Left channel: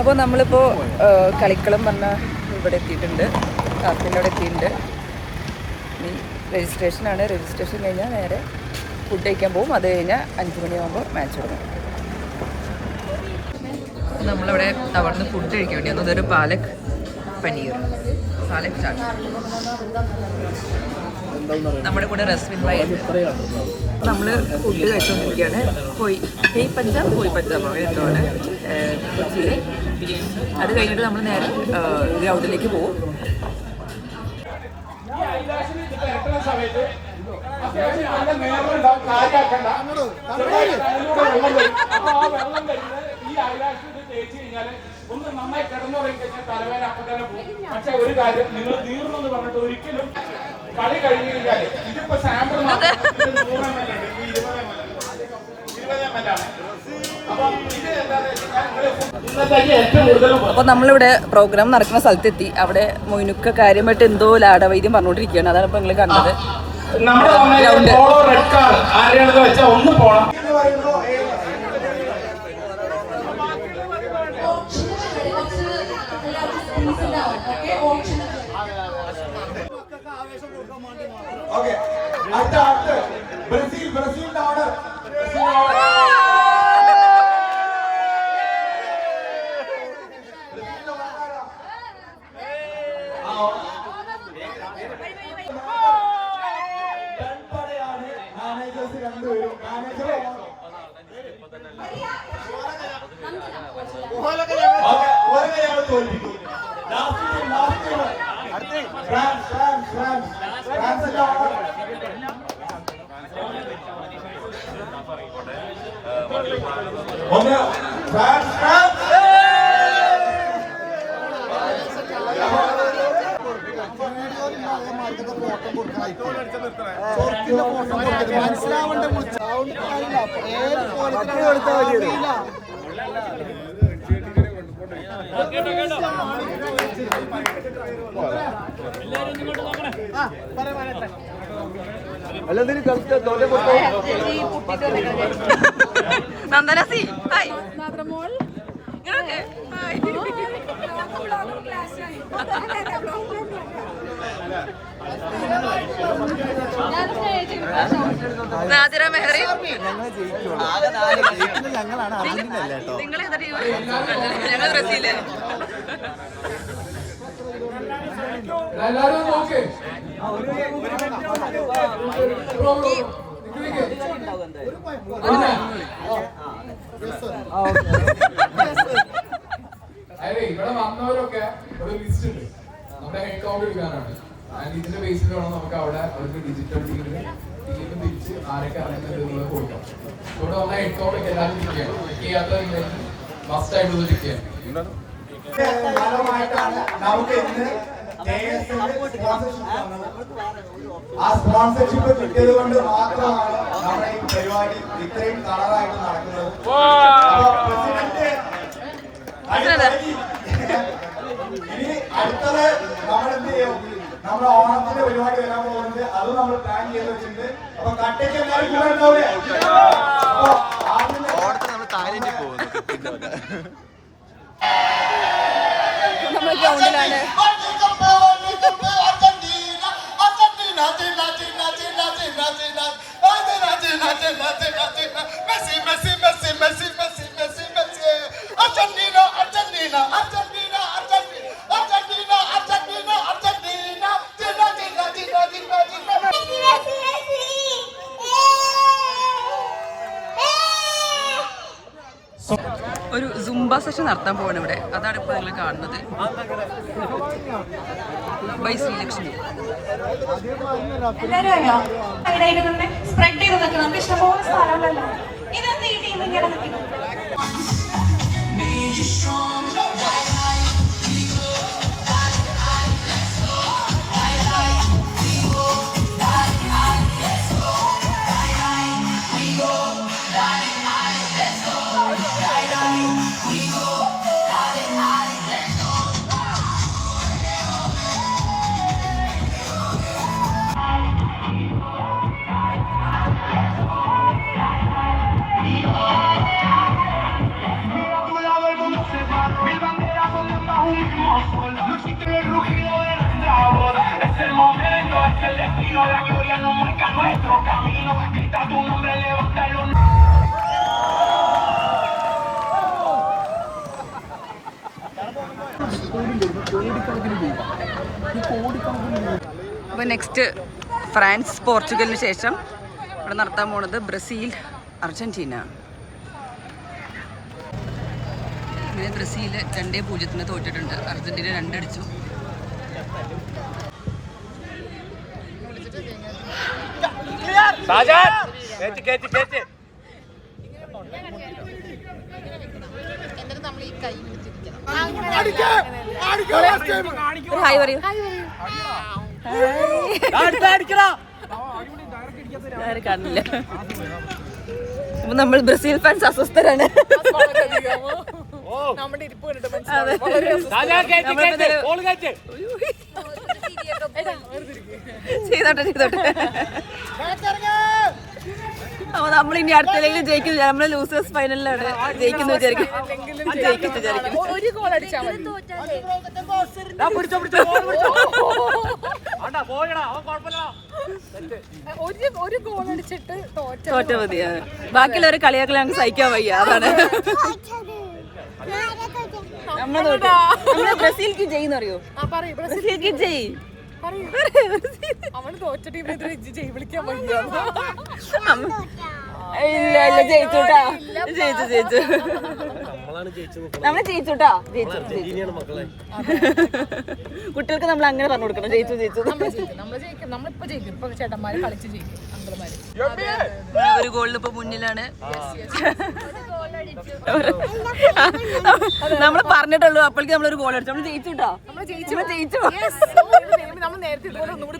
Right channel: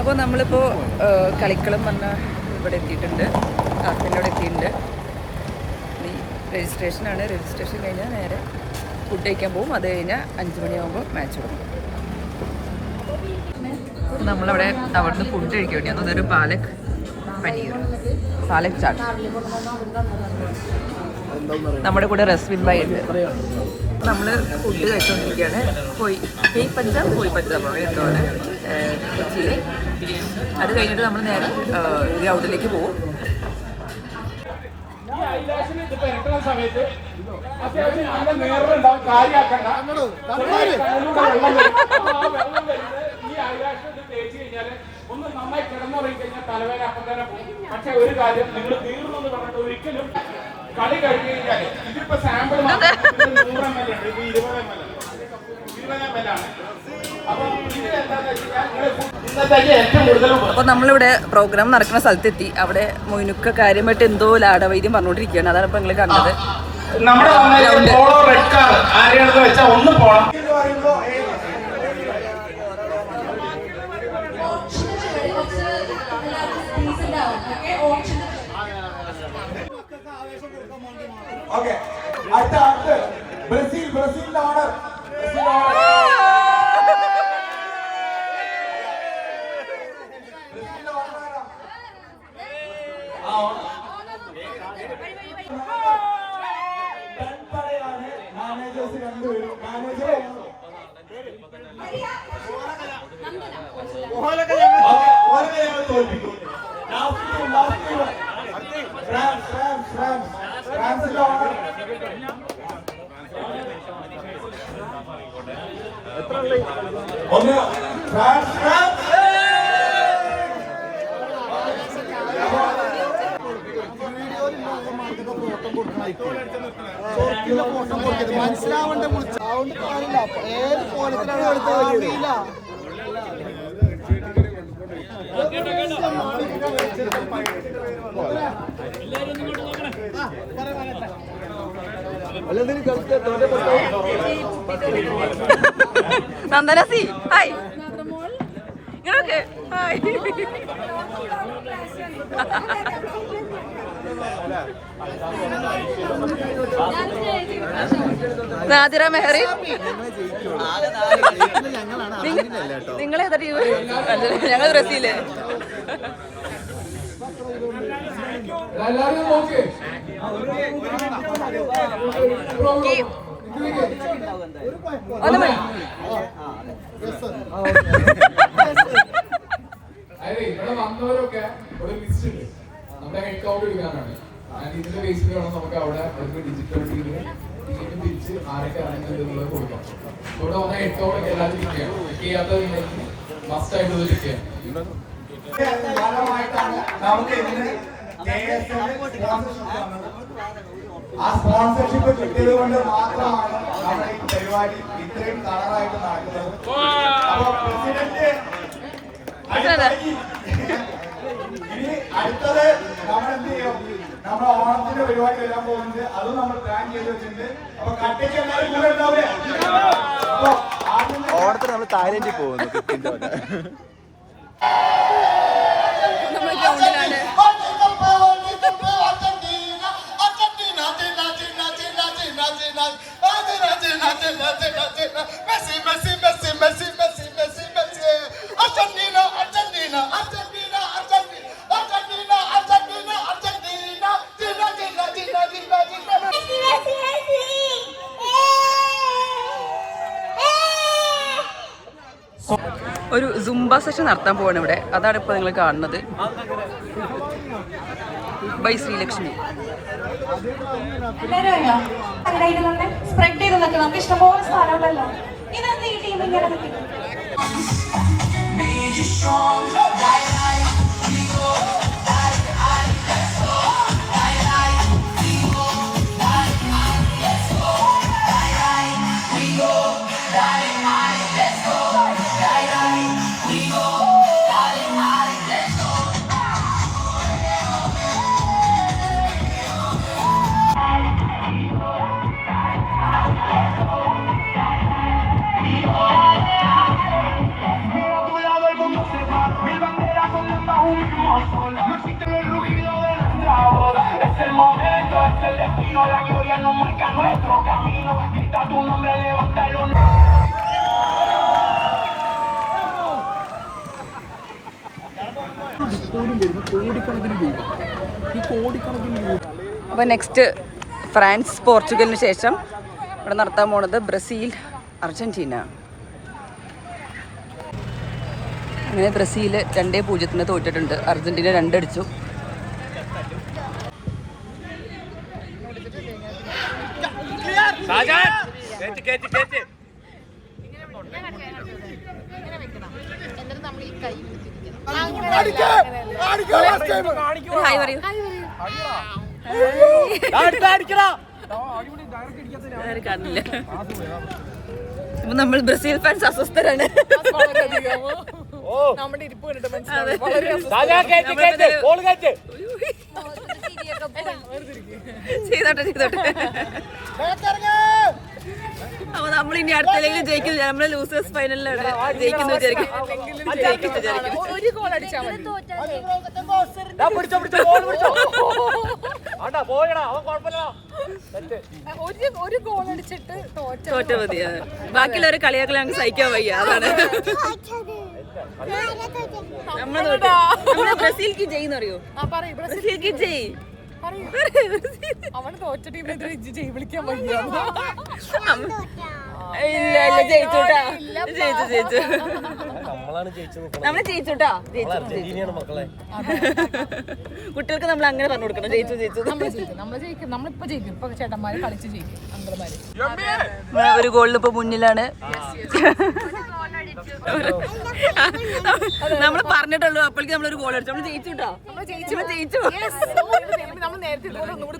അപ്പോൾ നമ്മളിപ്പോൾ കളിക്കളം പറഞ്ഞ ഇവിടെ എത്തിയിട്ടുണ്ട്. കാത്തിൻ്റെ അവിടെ എത്തിയിട്ടുണ്ട്. ഇനി രജിസ്ട്രേഷനാണ്. രജിസ്ട്രേഷൻ കഴിഞ്ഞാൽ നേരെ ഫുഡ് കഴിക്കാൻ പോകും. അത് കഴിഞ്ഞാൽ 5 മണിയാകുമ്പോൾ മാച്ച് തുടങ്ങും. നമ്മളവിടെ അവിടുന്ന് ഫുഡ് കഴിക്കാൻ വേണ്ടി വന്നു. അതൊരു പാലക് പനീർ, പാലക് ചാട്ട്. നമ്മുടെ കൂടെ റസ്മിൻഭായി. നമ്മൾ ഫുഡ് കഴിച്ചുകൊണ്ടിരിക്കുകയാണ്. പോയി പഞ്ചാബ് എന്താണ് കൊച്ചിയിൽ. അത് കഴിഞ്ഞിട്ട് നമ്മൾ നേരെ ഗ്രൗണ്ടിലേക്ക് പോകും. ഒന്ന് നന്നായി കിടന്നുറങ്ങി കഴിഞ്ഞാൽ തലവേദന അപ്പം തന്നെ പോകും. പക്ഷെ ഒരു കാര്യം, നിങ്ങൾ തീർന്നു എന്ന് പറഞ്ഞിട്ട് ഒരിക്കലും കളി കഴിഞ്ഞ് കഴിഞ്ഞാൽ ഇതിപ്പോ സാമ്പിൾ 100 ml ഉണ്ട്, ഇപ്പൊ 20 ml ആണ്. അപ്പൊ നമ്മളിവിടെ പ്രോഗ്രാം നടക്കുന്ന സ്ഥലത്തെത്തി. അവിടെ മൊയിനുക്ക കാര്യമായിട്ട് എന്തോ ലാടവൈദ്യം പറഞ്ഞുകൊണ്ടിരിക്കുകയാണ്. അതാണ് ഇപ്പൊ നിങ്ങൾ കണ്ടത്. ഒന്ന് പോണം. ഓക്കെ, അടുത്ത ബ്രസീലിന്റെ ഓർഡർ. മനസ്സിലാവണ്ട ഏത് പോലത്തിലാണ്. നന്ദനസി ഹായ്. നാദിറ മെഹറി, നിങ്ങളേതാ ടീം? ഞങ്ങൾ ബ്രസീല്. ഇവിടെ വന്നവരൊക്കെ ഒരു ലിസ്റ്റ് ഉണ്ട്. നമ്മുടെ ഹെഡ് കൗണ്ട് എടുക്കാനാണ്. ഇതിന്റെ ബേസിൽ വേണം നമുക്ക് അവിടെ അവർക്ക് ഡിജിറ്റൽ ടീമിന് തിരിച്ച് ആരൊക്കെ അറിയുന്നുള്ളത് കൊടുക്കാം. ഇവിടെ വന്ന ഹെഡ് കൗണ്ട് ഒക്കെ എല്ലാവരും ചെക്ക് ചെയ്യണം. ചെക്ക് ചെയ്യാത്തവരുണ്ടെങ്കിൽ മസ്റ്റ് ആയിട്ട് ചെക്ക് ചെയ്യണം. ആ സ്പോൺസർഷിപ്പ് കിട്ടിയത് കൊണ്ട് മാത്രമാണ് നമ്മുടെ ഈ പരിപാടി ഇത്രയും കളറായിട്ട് നടക്കുന്നത്. ഇനി അടുത്തത് നമ്മളെന്ത് ചെയ്യും? നമ്മുടെ ഓണത്തിന്റെ പരിപാടി വരാൻ പോകുന്നുണ്ട്. അതും നമ്മൾ പ്ലാൻ ചെയ്ത് വെച്ചിട്ടുണ്ട്. അപ്പൊ കട്ടയ്ക്ക് എല്ലാവരും കൂടെ ഉണ്ടാവില്ലേ? ഓണത്തിന് നമ്മൾ താഴേക്ക് പോകുന്നു. നമ്മൾ ഗ്രൗണ്ടിലാണ്. ഒരു സുംബ സെഷൻ നടത്താൻ പോവാണ് ഇവിടെ. അതാണ് ഇപ്പൊ നിങ്ങൾ കാണുന്നത്. ബൈ ശ്രീലക്ഷ്മി. സ്പ്രെഡ് ചെയ്ത് നിൽക്കണം. നമുക്ക് ഇഷ്ടംപോലെ സ്ഥലമുണ്ടല്ലോ. ഇതെന്ത് ഈ ടീം ഇങ്ങനെ നിൽക്കുന്നത്? കോടിക്കണക്കിന് രൂപ. ഈ കോടിക്കണക്കിന് രൂപ. അപ്പോൾ നെക്സ്റ്റ് ഫ്രാൻസ് പോർച്ചുഗലിന് ശേഷം ഇവിടെ നടത്താൻ പോണത് ബ്രസീൽ അർജന്റീന. അങ്ങനെ ബ്രസീൽ 2-0 തോറ്റിട്ടുണ്ട്. അർജന്റീന 2 അടിച്ചു. ഹായ് പറയൂ. കാണില്ല. അപ്പൊ നമ്മൾ ബ്രസീൽ ഫാൻസ് അസ്വസ്ഥരാണ്. അപ്പൊ നമ്മൾ ഇനി അടുത്തേക്ക് ജയിക്കില്ല. നമ്മള് ലൂസേഴ്സ് ഫൈനലിലാണ് ജയിക്കുന്നു വിചാരിക്കും. ഒരു ഗോൾ അടിച്ചാൽ മതി. ഒരു ഗോൾ അടിച്ചിട്ട് തോറ്റ മതി. ബാക്കിയുള്ളവർ കളിയാക്കൽ ഞങ്ങൾക്ക് സഹിക്കാൻ വയ്യ. അതാണ് നമ്മള് ബ്രസീൽക്ക് ജയിന്ന് അറിയോ? ബ്രസീൽക്ക് ജയി. അവന് തോറ്റ ടീമിനെതിരെ ജയ് വിളിക്കാൻ പറ്റില്ല. ഇല്ല ഇല്ല ജയിച്ചുട്ടാ. ജയിച്ചു നമ്മള് ജയിച്ചുട്ടാ. കുട്ടികൾക്ക് നമ്മൾ അങ്ങനെ പറഞ്ഞു കൊടുക്കണം. ജയിച്ചു നമ്മളിപ്പോ ജയിക്കും. ഇപ്പൊ ചേട്ടന്മാര് കളിച്ച് ജയിക്കും. അങ്കിൾമാര് ഒരു ഗോളിൽ ഇപ്പൊ മുന്നിലാണ്. നമ്മള് പറഞ്ഞിട്ടുള്ളൂ. അപ്പോഴേക്ക് നമ്മളൊരു ഗോൾ അടിച്ചു. നമ്മള് ജയിച്ചുട്ടാ. ജയിച്ചു. നമ്മൾ നേരത്തെ ഇതുപോലെ ഒന്നുകൂടി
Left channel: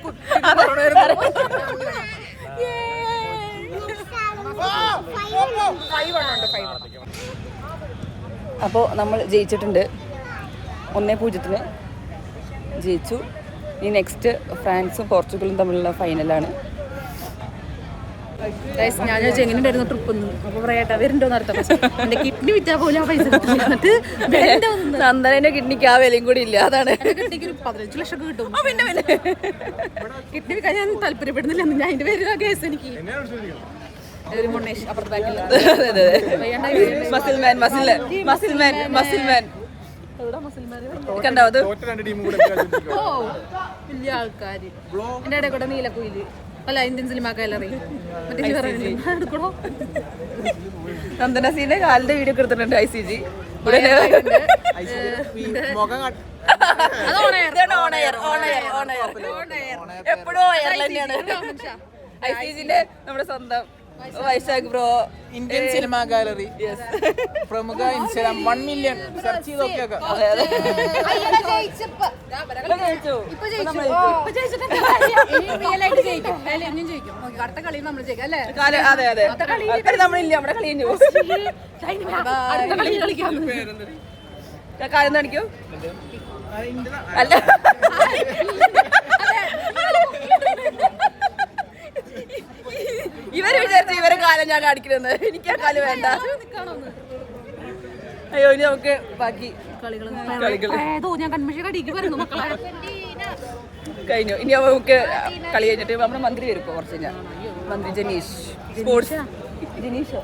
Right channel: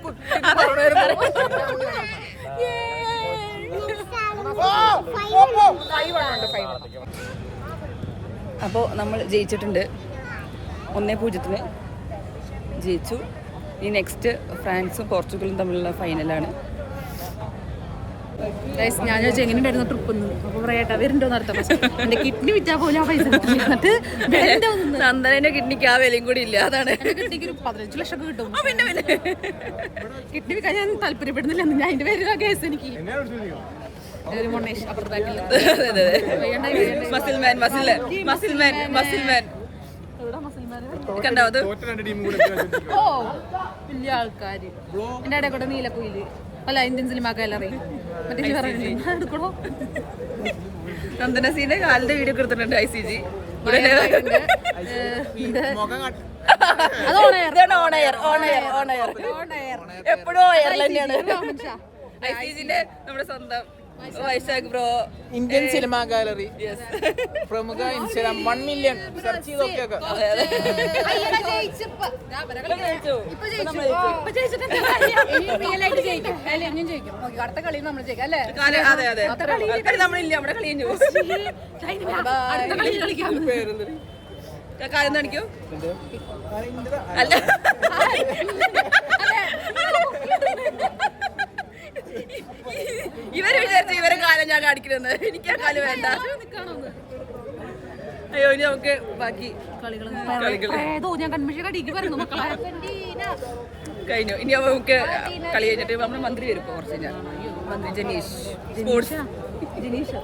അപ്പോൾ നമ്മൾ ജയിച്ചിട്ടുണ്ട്. 1-0 ജയിച്ചു. ഇനി നെക്സ്റ്റ് ഫ്രാൻസും പോർച്ചുഗലും തമ്മിലുള്ള ഫൈനലാണ്. ഞാൻ ചോദിച്ചു എങ്ങനെ ഉണ്ടായിരുന്നു ട്രിപ്പ് എന്ന്. അപ്പൊ പറയാട്ടാ വരുന്നുണ്ടോ നടത്താം. എന്റെ കിഡ്നി വിറ്റാ പോലും ആ പൈസ നന്ദനന്റെ കിഡ്നിക്ക് ആ വിലയും കൂടി ഇല്ല. അതാണ് കിഡ്നിക്ക് ഒരു 15 ലക്ഷം കിട്ടും. കിഡ്നി വിൽക്കാൻ ഞാൻ താല്പര്യപ്പെടുന്നില്ല. അതിന്റെ പേര് കേസ് എനിക്ക് വലിയ ആൾക്കാര് എന്റെ ഇടയിൽ കൂടെ നീലക്കുയില് അല്ല ഇന്ത്യൻ സിനിമ ഗാലറി മറ്റേ എടുക്കണോ. നന്ദനസീന്റെ കാലിന്റെ വീഡിയോ എടുത്തിട്ടുണ്ട്. ICG എപ്പോഴും എയർലൈനാണ്. ICGന്റെ നമ്മുടെ സ്വന്തം Vaishakh bro. Indian cinema gallery പ്രമുഖ ഇൻസ്റ്റാഗ്രാം 1 മില്യൺ സെർച്ച് ചെയ്തൊക്കെ അടുത്ത കളി നമ്മൾ ജയിക്കും അല്ലേ? അതെ അതെ നമ്മളില്ല. നമ്മുടെ കളി അടുത്ത കളി കളിക്കാം. കാര്യം കാണിക്കൂ. അല്ല ഇവര് വിചാരിച്ചു ഇവരെ കാലം ഞാൻ കാണിക്കുന്നത്. എനിക്ക് ആ കളി വേണ്ട. അയ്യോ ഇനി നമുക്ക് ബാക്കി കളികൾ ഞാൻ കൺമിഷൻ അടിക്ക് വരുന്നു മക്കളെ. കഴിഞ്ഞു. ഇനി നമുക്ക് കളി കഴിഞ്ഞിട്ട് നമ്മുടെ മന്ത്രി വരും ഇപ്പൊ കുറച്ച് കഴിഞ്ഞാൽ. മന്ത്രി ജനീഷ് സ്പോർട്സ് മിനിസ്റ്റർ.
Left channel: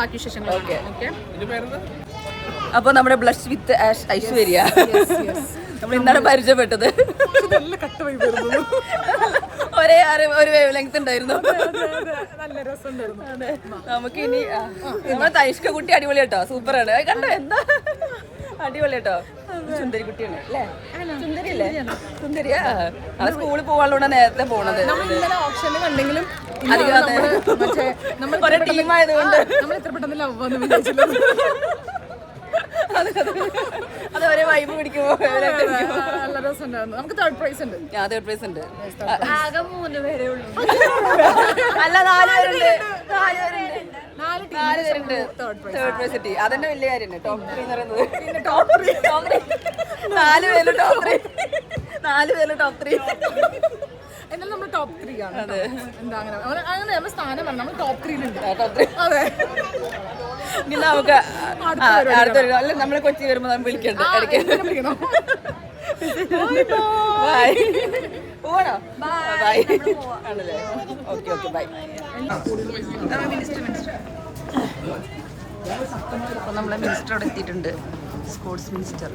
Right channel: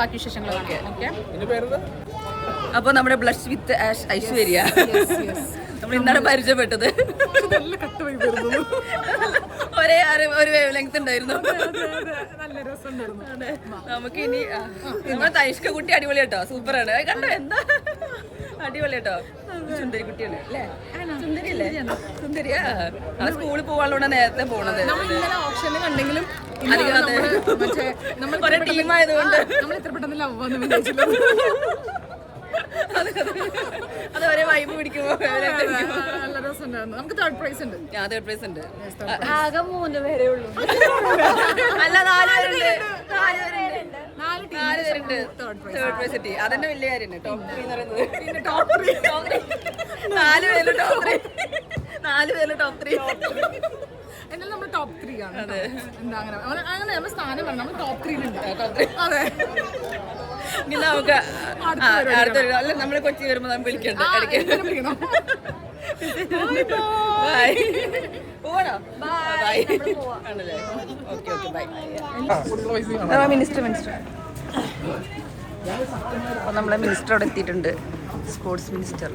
ബാക്കി വിശേഷങ്ങളൊക്കെ അപ്പൊ നമ്മുടെ ബ്ലഷ് വിത്ത് ഐശ്വര്യ നമ്മൾ ഇന്നാണ് പരിചയപ്പെട്ടത്. ഒരേ ഒരു വേവ് ലെങ്ത് ഉണ്ടായിരുന്നു. നല്ല രസമുണ്ടായിരുന്നു. നമുക്ക് ഇനി നമ്മുടെ തൈഷ്ക കുട്ടി അടിപൊളി കേട്ടോ. സൂപ്പറാണ്. കണ്ടോ എന്താ അടിപൊളി കേട്ടോ. സുന്ദരി കുട്ടിയാണ് അല്ലേ? സുന്ദരിയല്ലേ? സുന്ദരിയാ. സ്കൂളിൽ പോകാനുള്ള നേരത്തെ പോണത്. നമ്മൾ ഇന്നലെ ഓപ്ഷന് കണ്ടെങ്കിലും നമ്മൾ എത്ര പെട്ടെന്ന് ലവ് വന്നു വിചാരിച്ചത്. അതുവരെ വൈബ് പിടിക്കുമോ? നല്ല രസമുണ്ടായിരുന്നു. നമുക്ക് തേർഡ് പ്രൈസ് ഉണ്ട്. തേർഡ് പ്രൈസ് ഉണ്ട്. അല്ല 4 തേർഡ് പ്രൈസ് കിട്ടി. അതന്നെ വലിയ കാര്യം. ടോപ്പ് 3 എന്ന് പറയുന്നത്. പിന്നെ ടോപ്പ് 3 4 പേര് ടോപ്പ് 3. 4 പേര് ടോപ്പ് 3. എന്നാലും നമ്മൾ ടോപ്പ് 3 ആണ്. എന്താ അങ്ങനെ നമ്മൾ സ്ഥാനം വേണം. നമ്മൾ ടോപ്പ് 3 അതെ. നമുക്ക് നമ്മളെ കൊച്ചി വരുമ്പോ നമ്മൾ വിളിക്കണ്ട. മിനിസ്റ്റർ അപ്പോൾ നമ്മളെ മിനിസ്റ്റർ അവിടെ എത്തിയിട്ടുണ്ട്, സ്പോർട്സ് മിനിസ്റ്റർ.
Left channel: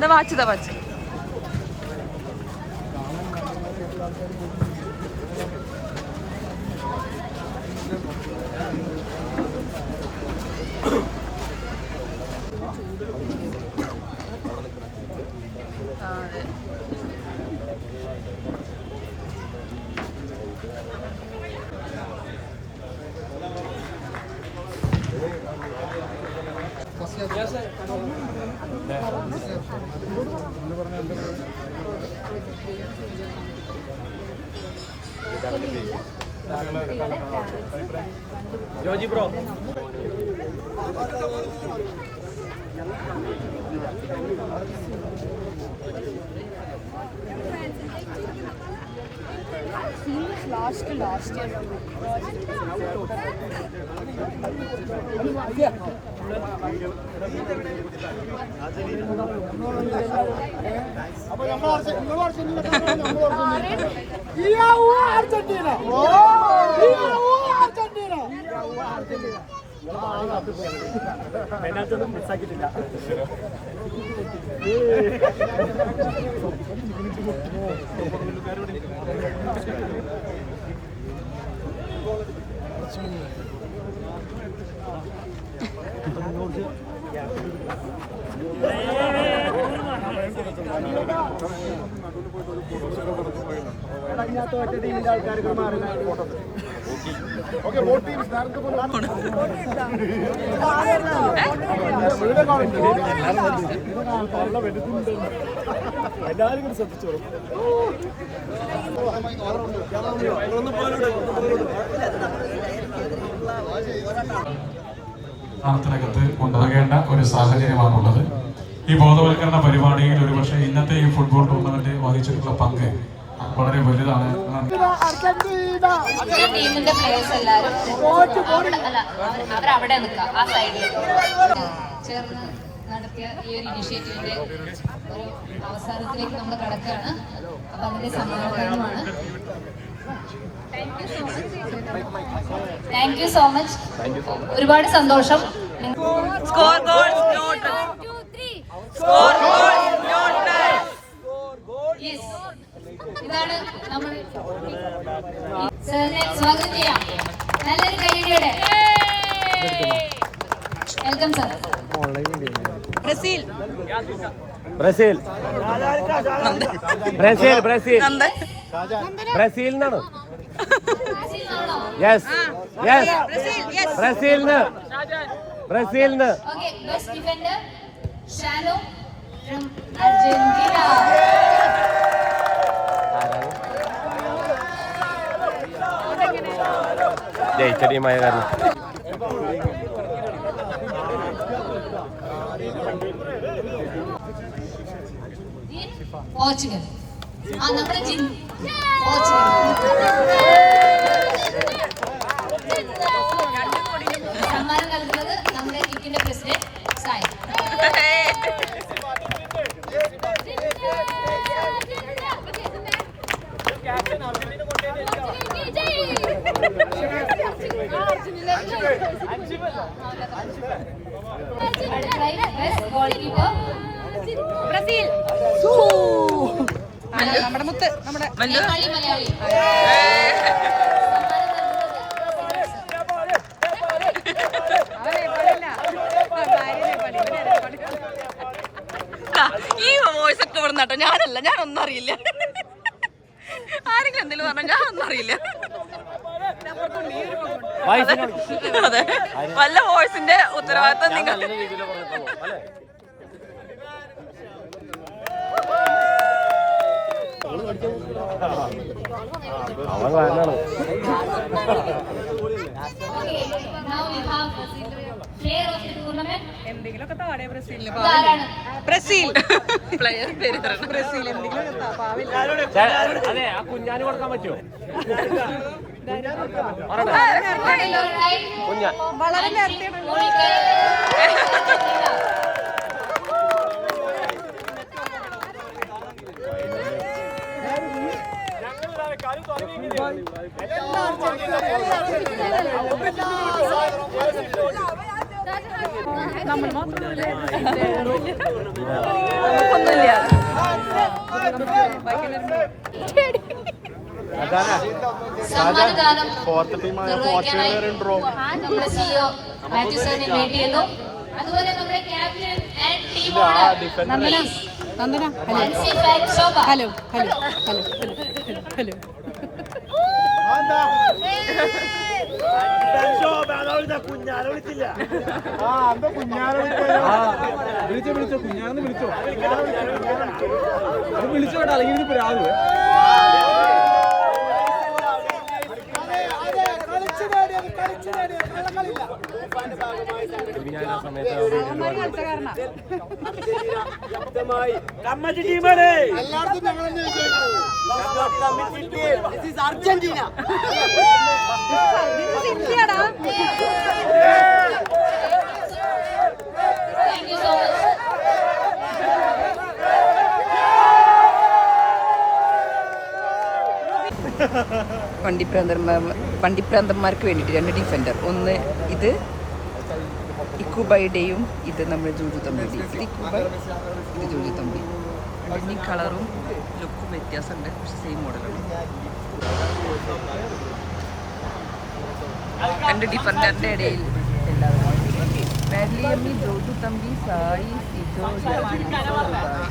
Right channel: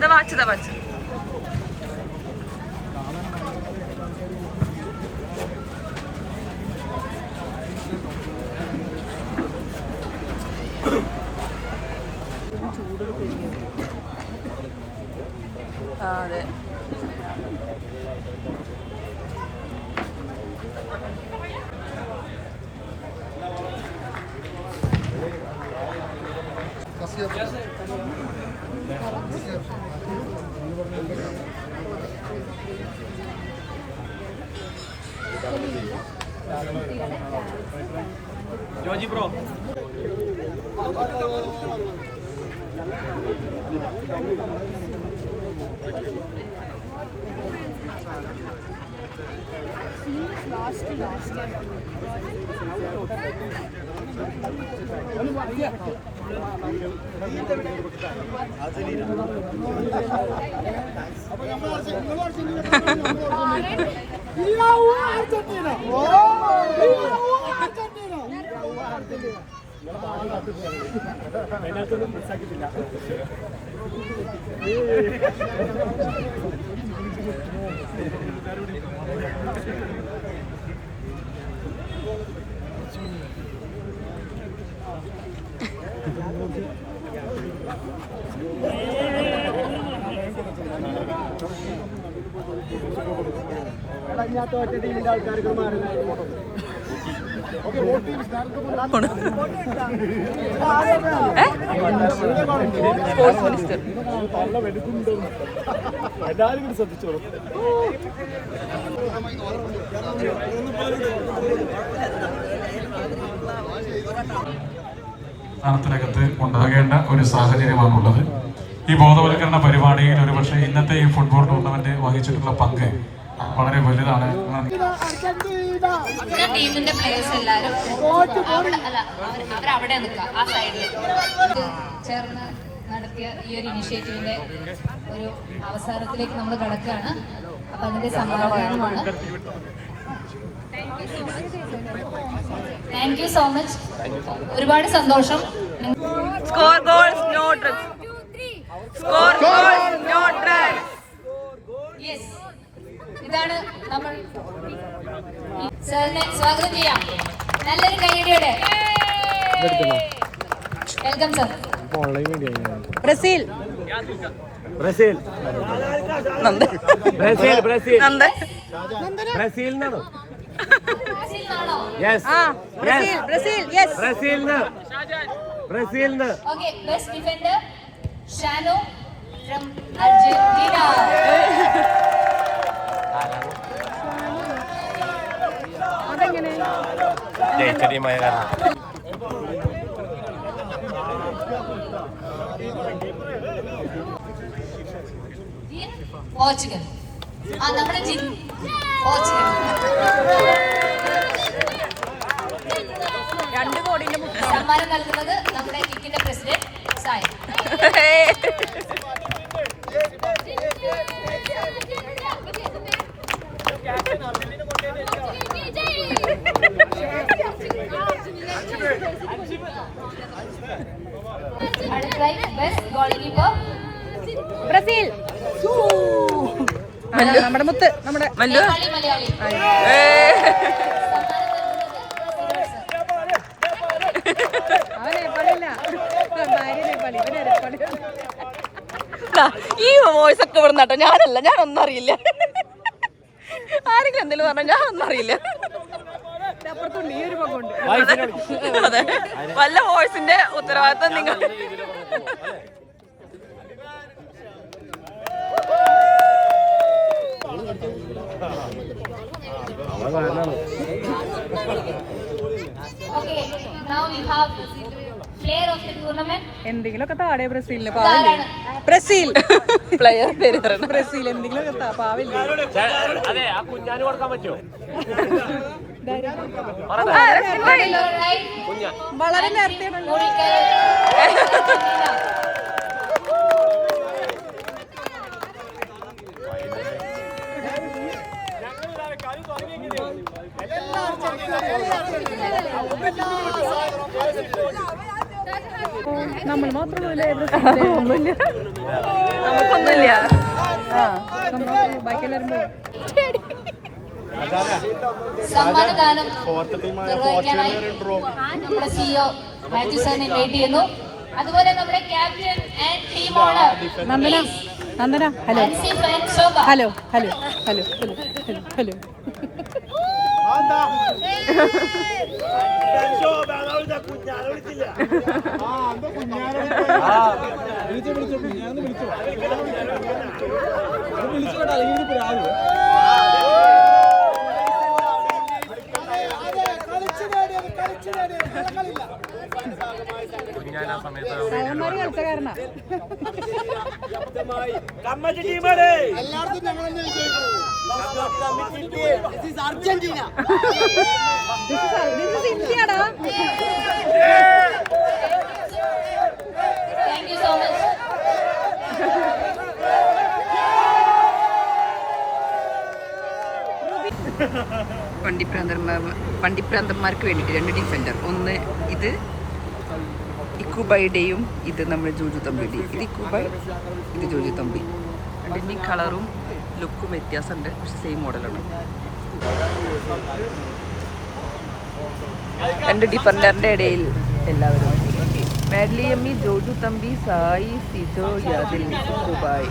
ദാ വാച്ച് അതെ. ടീമിന്റെ ആൾക്കാർക്ക് മാറി ഓക്കെ വോട്ട് ടീം എല്ലാവരും ശ്രദ്ധിച്ചോളൂ. ത്തിനകത്ത് കൊണ്ടുപോകേണ്ട ഒരു സാഹചര്യമാണുള്ളത്. ഈ ബോധവൽക്കരണ പരിപാടിയിൽ ഒരുപക്ഷെ ഇന്നത്തെ ഈ ഫുട്ബോൾ ടൂർണമെന്റ് വഹിച്ചിട്ടുള്ള പങ്ക് വളരെ വലുതാണ്. ടീമിന്റെ പ്ലേയേഴ്സ് എല്ലാവരും അവരവിടെ നിൽക്കാം, ആ സൈഡിൽ ചേർന്ന് നടത്തിയ ഈ ഒരു ഇനിഷ്യേറ്റീവിന്റെ ഒരു അവസാനത്തിലേക്ക് നമ്മൾ കടക്കുകയാണ്. അപ്പൊ അതിന്റെ സമാപനമാണ്. Thank you so much. ഒരുപാട് സന്തോഷം. Score goals not score goals not. Yes, ഇതാണ് നമ്മൾ സാറിനെ സ്വാഗതം ചെയ്യാം. നല്ലൊരു കൈയടിയോടെ welcome sir. Brazil Brazil Nanda Brazil Brazil Nanda ബ്രസീലിനാണോ? യെസ് യെസ് ബ്രസീലിന് ബ്രസീലിന്. Okay, best defender Shanu from Argentina. ജയിച്ച ടീമായ പോർച്ചുഗൽ. ആ നമ്മുടെ ജിം പോർച്ചുഗൽ. സമ്മാനം നൽകുന്നത് നമ്മുടെ കിക്കിന്റെ പ്രസിഡന്റ് സായി. ബ്രസീൽ. നമ്മുടെ മുത്ത് നമ്മുടെ മല്ലു ഈ വോയിസ് ഒക്കെ ഇവിടെ നട്ടോ. ഞാനല്ല, ഞാനൊന്നും അറിയില്ല. ആരെങ്കിലും എന്തെങ്കിലും പറഞ്ഞാൽ ഞാനൊന്നും അറിയില്ല. അതെ, വല്ല വോയിസിന്റെ ഉത്തരവാദിത്തം നിങ്ങൾ. എന്തെങ്കിലുമൊക്കെ താഴെ ബ്രസീലിന് ബ്രസീൽ പ്ലെയർ പേര് പറയണം. ബ്രസീൽ എന്തെങ്കിലും പാവില്ല. കുഞ്ഞാന് കൊടുക്കാൻ പറ്റുമോ? വളരെ നേരത്തെ നമ്മൾ മാത്രമല്ല നമുക്കൊന്നുമില്ല. സമ്മാനദാനം നിർവഹിക്കാനായി നമ്മുടെ CEO മാത്യു സാറിനെ വെയിറ്റ് ചെയ്യുന്നു. അതുപോലെ നമ്മുടെ captain and team owner Nandana hello hello hello hello hello hello വിളിച്ചോ അല്ലെങ്കിൽ രാവിലെ എല്ലാവർക്കും Argentina thank you so much. വണ്ടിപ്രാന്തന്മാർക്ക് വേണ്ടിയിട്ട് 2 ഡിഫൻഡർ. ഒന്ന് ഇത് ഇക്കുബൈയുടെയും ഇത് നമ്മുടെ ജോജു തമ്പിയുടെയും. ഇത് ഇക്കുബൈ, ഇത് ജോജു തമ്പി. രണ്ടിൻ്റെയും കളറും ലുക്കും വ്യത്യാസമുണ്ട്, പക്ഷെ സെയിം മോഡലാണ്. 2 ഡിഫൻഡറിൻ്റെ ഇടയിൽ എല്ലാവരും മാഡ്ലിയമ്മി, ജോജു തമ്പി, സായി, സിജോ, യാദിൽ, ദുബായ്.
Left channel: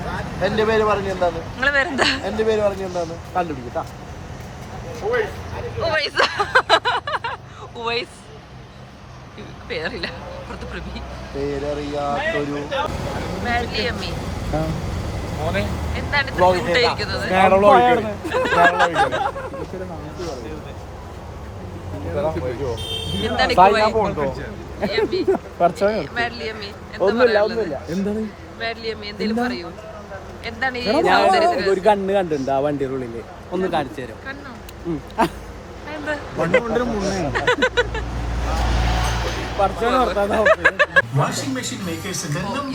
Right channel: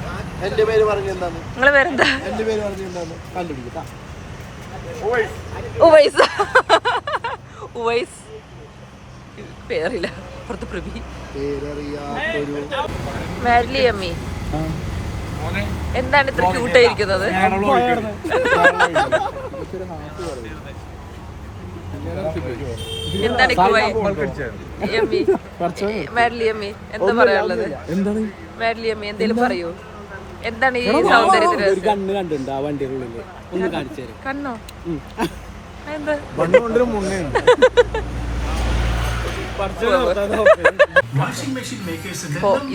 എന്റെ പേര് പറഞ്ഞു എന്താണ്? നിങ്ങളെ പേരെന്താ? എന്റെ പേര് പറഞ്ഞു എന്താണ്? കണ്ടുപിടിക്കട്ടാ. ഉവൈസ്. ഉവൈസ് പേരില്ല, പുറത്ത് പ്രഭി. പേരറിയാത്തൊരു മാഡ്ലിയമ്മി എന്താണ് ഇത്ര ക്യൂട്ടായിരിക്കുന്നത്? എന്താണ് മാഡ്ലിയമ്മി എന്താ പറയാനുള്ളത്? മാഡ്ലിയമ്മി എന്തേലും പറയൂ. എന്താണ് ഈ സൗന്ദര്യത്തിന്? ഒരു കണ്ണ് കണ്ടിട്ടുണ്ട് ആ വണ്ടിയുടെ ഉള്ളില്, ഒന്ന് കാണിച്ചു തരാം. കണ്ണോ? എന്താ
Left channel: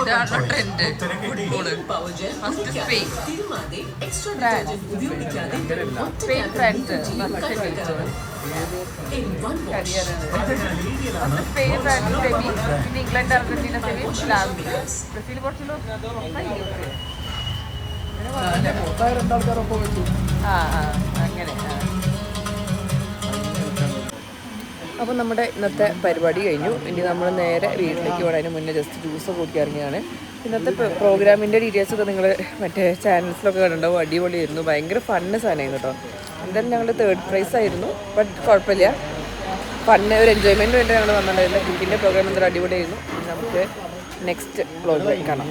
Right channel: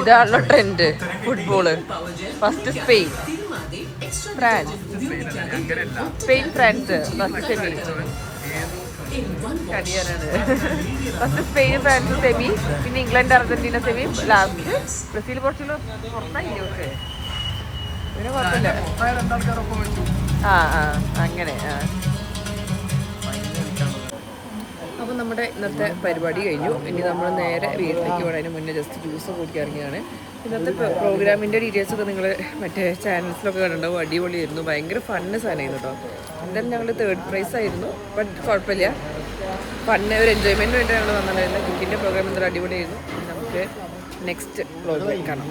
ഇതാണല്ലോ trend football. First Spain, France, Spain France first semi. കരിയറാണ് ഫസ്റ്റ് സ്പെയിൻ ഫ്രാൻസ് സെമി, പിന്നെ England Argentina semi, last Brazil Portugal പുറത്തായില്ലേ? പിന്നെ കുഴപ്പമില്ല. ആ അങ്ങനെ. അപ്പോൾ നമ്മുടെ ഇന്നത്തെ പരിപാടി കഴിഞ്ഞു. ഇനി നമ്മൾ നേരെ വീട്ടിലേക്ക് പോകണം. അതിന് മുന്നേ ജസ്റ്റ് ജ്യൂസൊക്കെ കുടിക്കാൻ ഇറങ്ങിയാണ്. ഇന്നത്തെ പ്രോഗ്രാമിൻ്റെ ഡീറ്റെയിൽസൊക്കെ നിങ്ങൾ മറ്റേ ചാനൽസിലൊക്കെ കണ്ടിട്ടുണ്ടാവും. അടിപൊളിയായിരുന്നു, ഭയങ്കര ഫണ്ണ് സാധനമായിരുന്നു കേട്ടോ. എന്തായാലും ഞങ്ങൾ 3rd പ്രൈസ് ആയിരുന്നു, ബട്ട് കുഴപ്പമില്ല. ഫണ്ണ് ഒരു എൻജോയ്മെൻറ്റ് വേണ്ടി ഞങ്ങൾ വന്നിട്ടുണ്ടായിരുന്നു. ക്രിക്കറ്റിൻ്റെ പ്രോഗ്രാം എന്തായാലും അടിപൊളിയായിരുന്നു. ഇനി നമുക്ക് നെക്സ്റ്റ് വ്ളോഗിൽ കാണാം.